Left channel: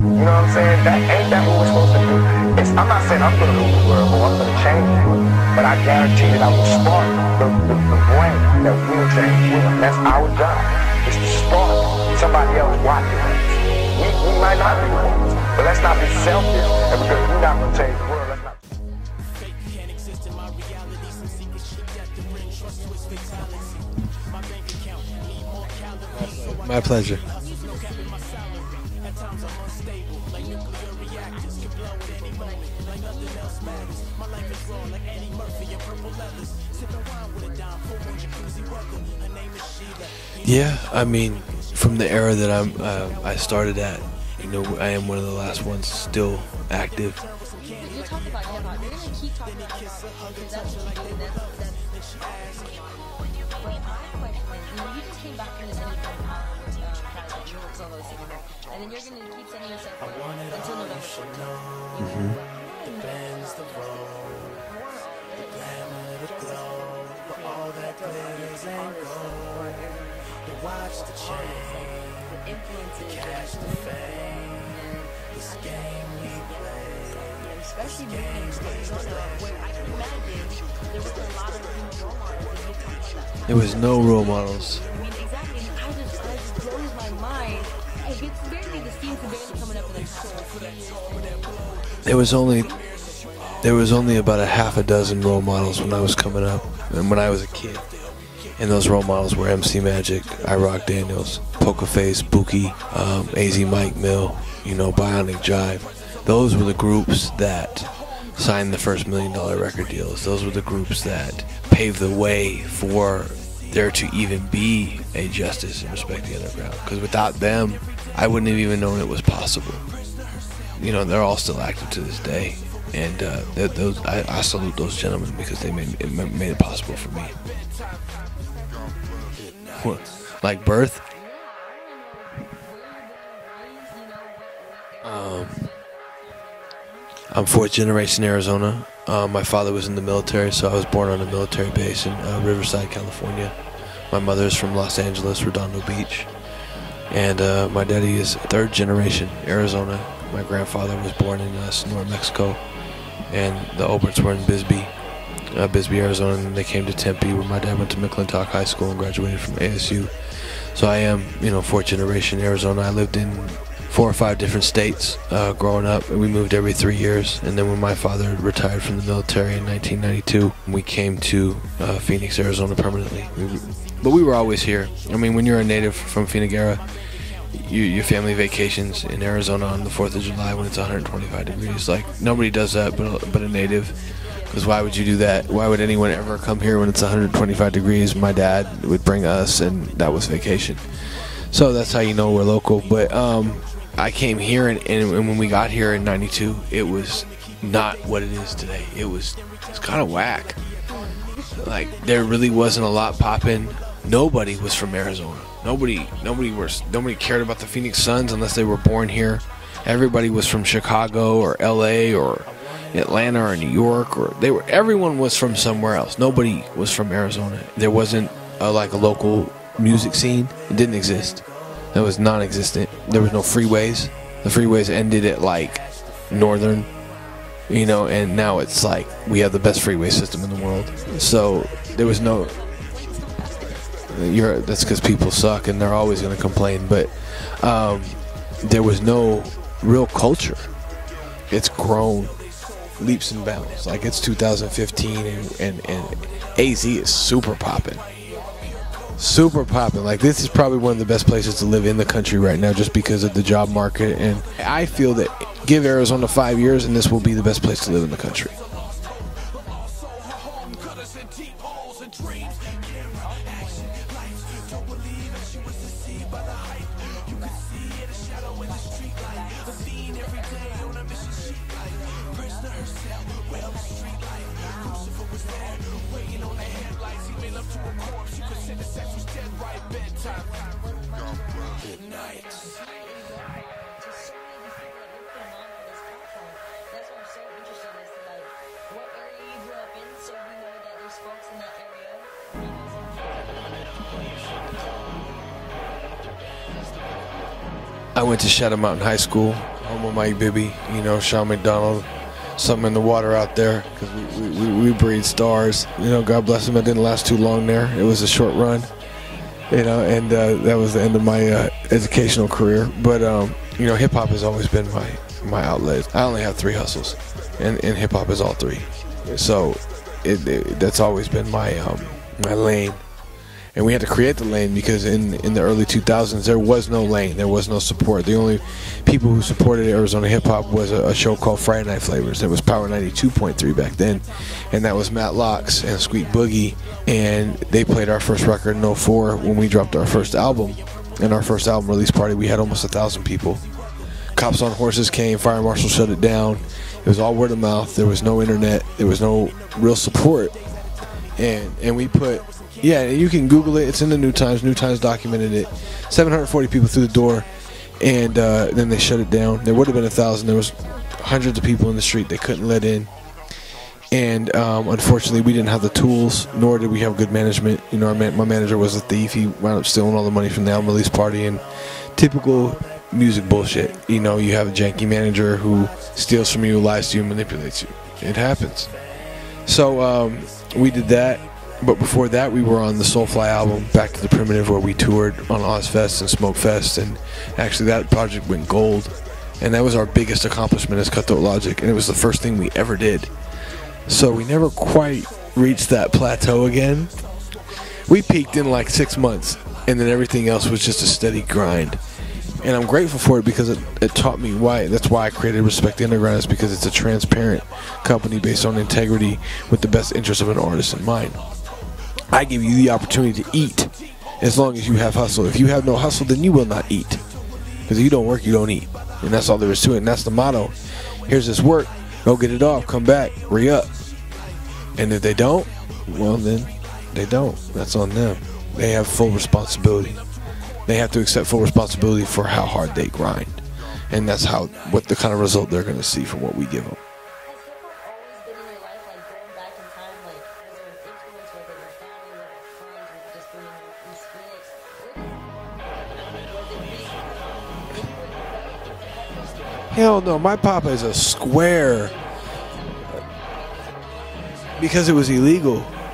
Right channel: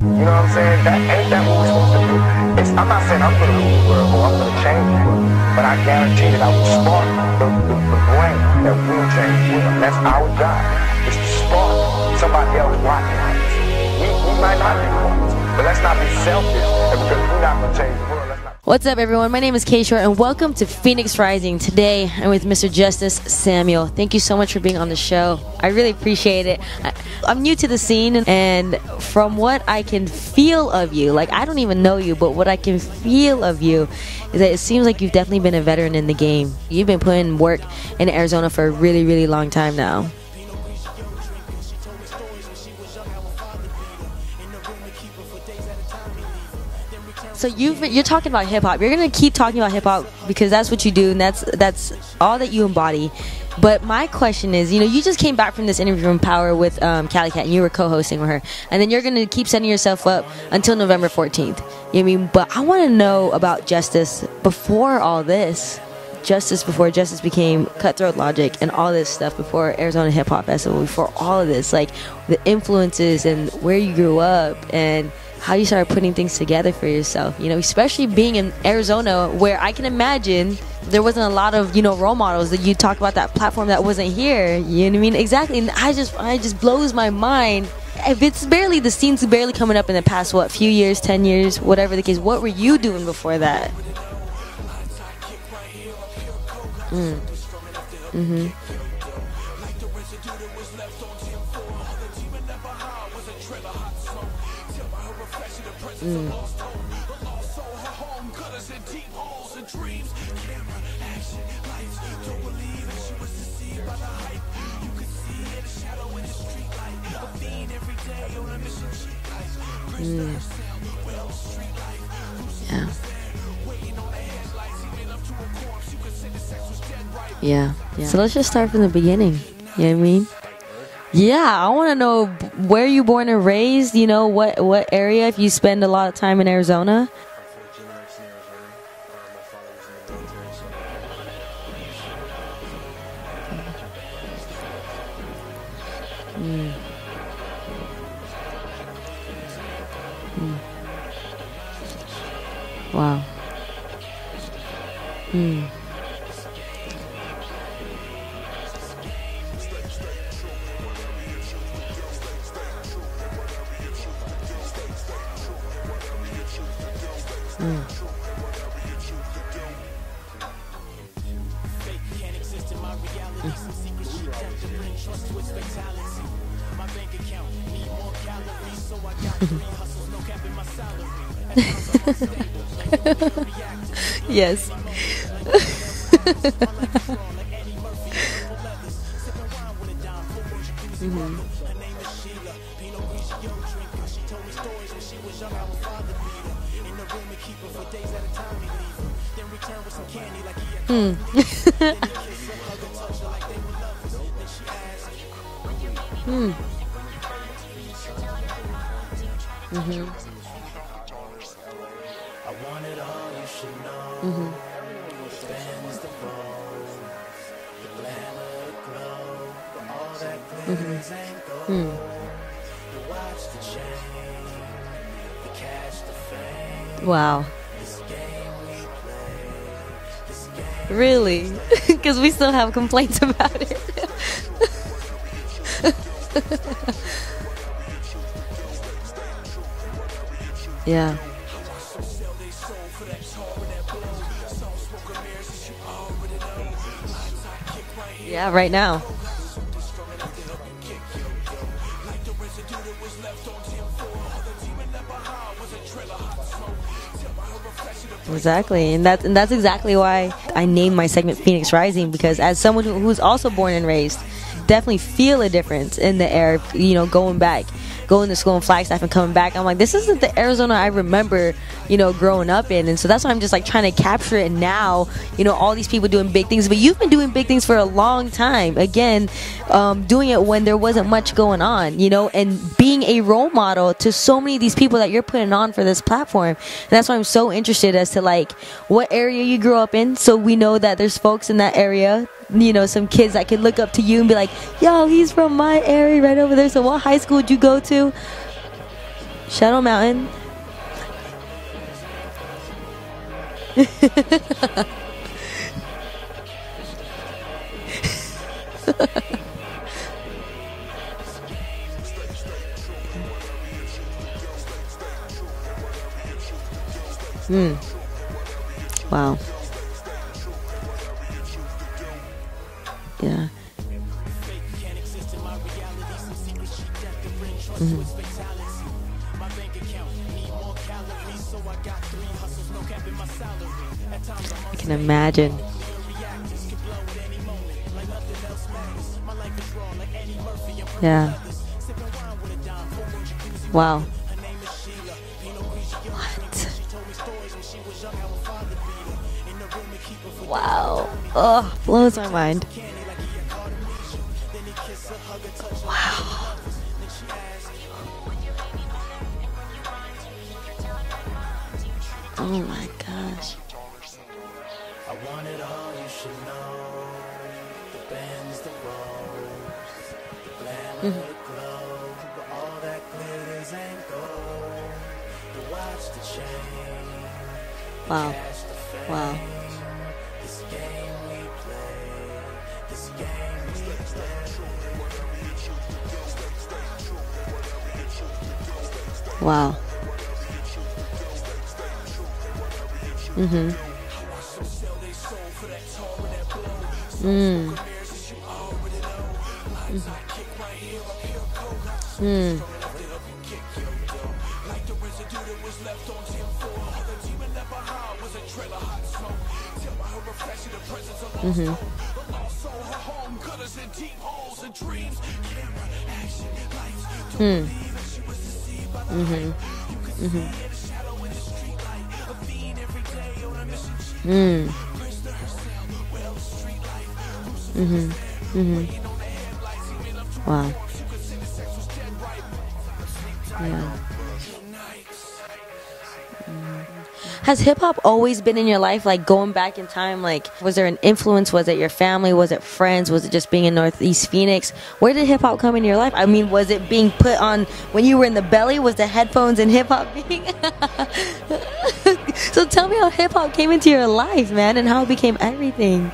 You know what I'm saying? Ain't that what we're supposed to do? I'm not saying I'm going to rule the world or I'm going to change the world, but I guarantee that I will spark the brain that will change the world. And that's our job, is to spark somebody else watching us. We might not be the ones, but let's not be selfish, and because we're not going to change the world, let's not. What's up, everyone? My name is K.Short, and welcome to Phoenix Rising. Today, I'm with Mr. Justus Samuel. Thank you so much for being on the show. I really appreciate it. My pleasure. I'm new to the scene, and from what I can feel of you, like, I don't even know you, but what I can feel of you is that it seems like you've definitely been a veteran in the game. You've been putting work in Arizona for a really, really long time now. Yeah, I mean, from the era that I started at, you know, I am one of the last ones still active. So you're talking about hip hop. You're gonna keep talking about hip hop because that's what you do, and that's all that you embody. But my question is, you know, you just came back from this interview from Power with Cali Cat, and you were co-hosting with her, and then you're gonna keep setting yourself up until November 14th. You know what I mean? But I want to know about Justus before all this. Before Justus became Cutthroat Logic and all this stuff, before Arizona Hip Hop Festival, before all of this, like the influences and where you grew up and how you started putting things together for yourself, you know, especially being in Arizona, where I can imagine there wasn't a lot of, you know, role models. That you talked about that platform that wasn't here. You know what I mean? Exactly. And I just blows my mind. If it's barely, the scene's barely coming up in the past, what, few years, 10 years, whatever the case. What were you doing before that? There was only about a half a dozen role models when I was coming up, and when I was a kid. And those role models were MC Magic, iRock Daniels, Poker Face, Bookie, AZ Mike Mill, you know, Bionic Jive. Those were the groups that signed the first $1 million record deals. Those were the groups that paved the way for there to even be a Justus in Respect the Underground. Because without them, I wouldn't have even known it was possible. You know, they're all still active to this day. And I salute those gentlemen because they made it possible for me. Yeah. So let's just start from the beginning. You know what I mean? Like birth? Yeah, I want to know where you born and raised, you know, what area, if you spend a lot of time in Arizona. I'm fourth generation Arizona. My father was in the military, so I was born on a military base in Riverside, California. My mother is from Los Angeles, Redondo Beach. And my daddy is third generation Arizona. My grandfather was born in Sonora, Mexico. Wow. And the Oberts were in Bisbee, Arizona, and they came to Tempe, where my dad went to McClintock High School and graduated from ASU. So I am, you know, fourth generation Arizona. I lived in 4 or 5 different states growing up, and we moved every 3 years. And then when my father retired from the military in 1992, we came to Phoenix, Arizona permanently. But we were always here. I mean, when you're a native from Phoenix era, your family vacations in Arizona on the 4th of July when it's 125 degrees. Like, nobody does that but a native. Yes. Because why would you do that? Why would anyone ever come here when it's 125 degrees? My dad would bring us, and that was vacation. So that's how you know we're local. But I came here, and when we got here in 92, it was not what it is today. It's kind of whack. Like, there really wasn't a lot popping. Nobody was from Arizona. Nobody cared about the Phoenix Suns unless they were born here. Everybody was from Chicago or LA or Atlanta or New York, or everyone was from somewhere else. Nobody was from Arizona. There wasn't like a local music scene. It didn't exist. It was non-existent. There was no freeways. The freeways ended at like Northern. Wow. You know, and now it's like we have the best freeway system in the world. Really? So because we still have complaints about it. That's because people suck, and they're always going to complain. But there was no real culture. Yeah. It's grown leaps and bounds. Like, it's 2015, and AZ is super popping. Yeah, right now. Super popping. Like, this is probably one of the best places to live in the country right now, just because of the job market. And I feel that give Arizona 5 years, and this will be the best place to live in the country. Exactly, and that's exactly why I named my segment Phoenix Rising, because as someone who's also born and raised, definitely feel a difference in the air, you know, going to school in Flagstaff and coming back. I'm like, this isn't the Arizona I remember, you know, growing up in. And so that's why I'm just like trying to capture it now, you know, all these people doing big things. But you've been doing big things for a long time. Again, doing it when there wasn't much going on, you know, and being a role model to so many of these people that you're putting on for this platform. And that's why I'm so interested as to like what area you grew up in, so we know that there's folks in that area, you know, some kids that could look up to you and be like, yo, he's from my area right over there. So what high school did you go to? I went to Shadow Mountain High School. Shadow Mountain. Mike Bibby, you know, Sean McDonald. Something in the water out there. we breed stars. You know, God bless him. It didn't last too long there. It was a short run. You know, and that was the end of my educational career. But, you know, hip-hop has always been my outlet. I only have 3 hustles, and hip-hop is all 3. Wow. So that's always been my lane. Yeah. And we had to create the lane because in the early 2000s, there was no lane. There was no support. The only people who supported Arizona hip-hop was a show called Friday Night Flavors. That was Power 92.3 back then. And that was Matt Locks and Squeak Boogie. And they played our first record in 04 when we dropped our first album. Yeah. And our first album release party, we had almost 1,000 people. Wow. Cops on Horses came. Fire Marshal shut it down. It was all word of mouth. There was no internet. There was no real support. Wow. And blows my mind. Yeah, you can Google it. It's in the New Times. New Times documented it. 740 people through the door, and then they shut it down. There would have been 1,000. There was hundreds of people in the street they couldn't let in. And unfortunately, we didn't have the tools, nor did we have good management. You know, my manager was a thief. He wound up stealing all the money from the album release party, and typical music bullshit. You know, you have a janky manager who steals from you, lies to you, manipulates you. Wow. It happens. Wow. So we did that, but before that we were on the Soulfly album, Back to the Primitive, where we toured on Ozfest and Smokefest, and actually that project went gold. Wow. And that was our biggest accomplishment as Cutthroat Logic, and it was the first thing we ever did. So we never quite reached that plateau again. We peaked in like 6 months, and then everything else was just a steady grind. And I'm grateful for it because it taught me why. That's why I created Respect the Underground, is because it's a transparent company based on integrity with the best interest of an artist in mind. I give you the opportunity to eat as long as you have hustle. If you have no hustle, then you will not eat. Because if you don't work, you don't eat. And that's all there is to it. And that's the motto. Here's this work. Go get it off. Come back. Re-up. And if they don't, well, then they don't. That's on them. They have full responsibility. Wow. They have to accept full responsibility for how hard they grind. And that's what the kind of result they're going to see from what we give them. Has hip-hop always been in your life, like going back in time? Like, was there an influence? Was it your family? Was it friends? Was it just being in Northeast Phoenix? Where did hip-hop come in your life? I mean, was it being put on when you were in the belly? Was the headphones and hip-hop? Hell no, my papa is a square. So tell me how hip-hop came into your life, man, and because how it was became illegal. everything.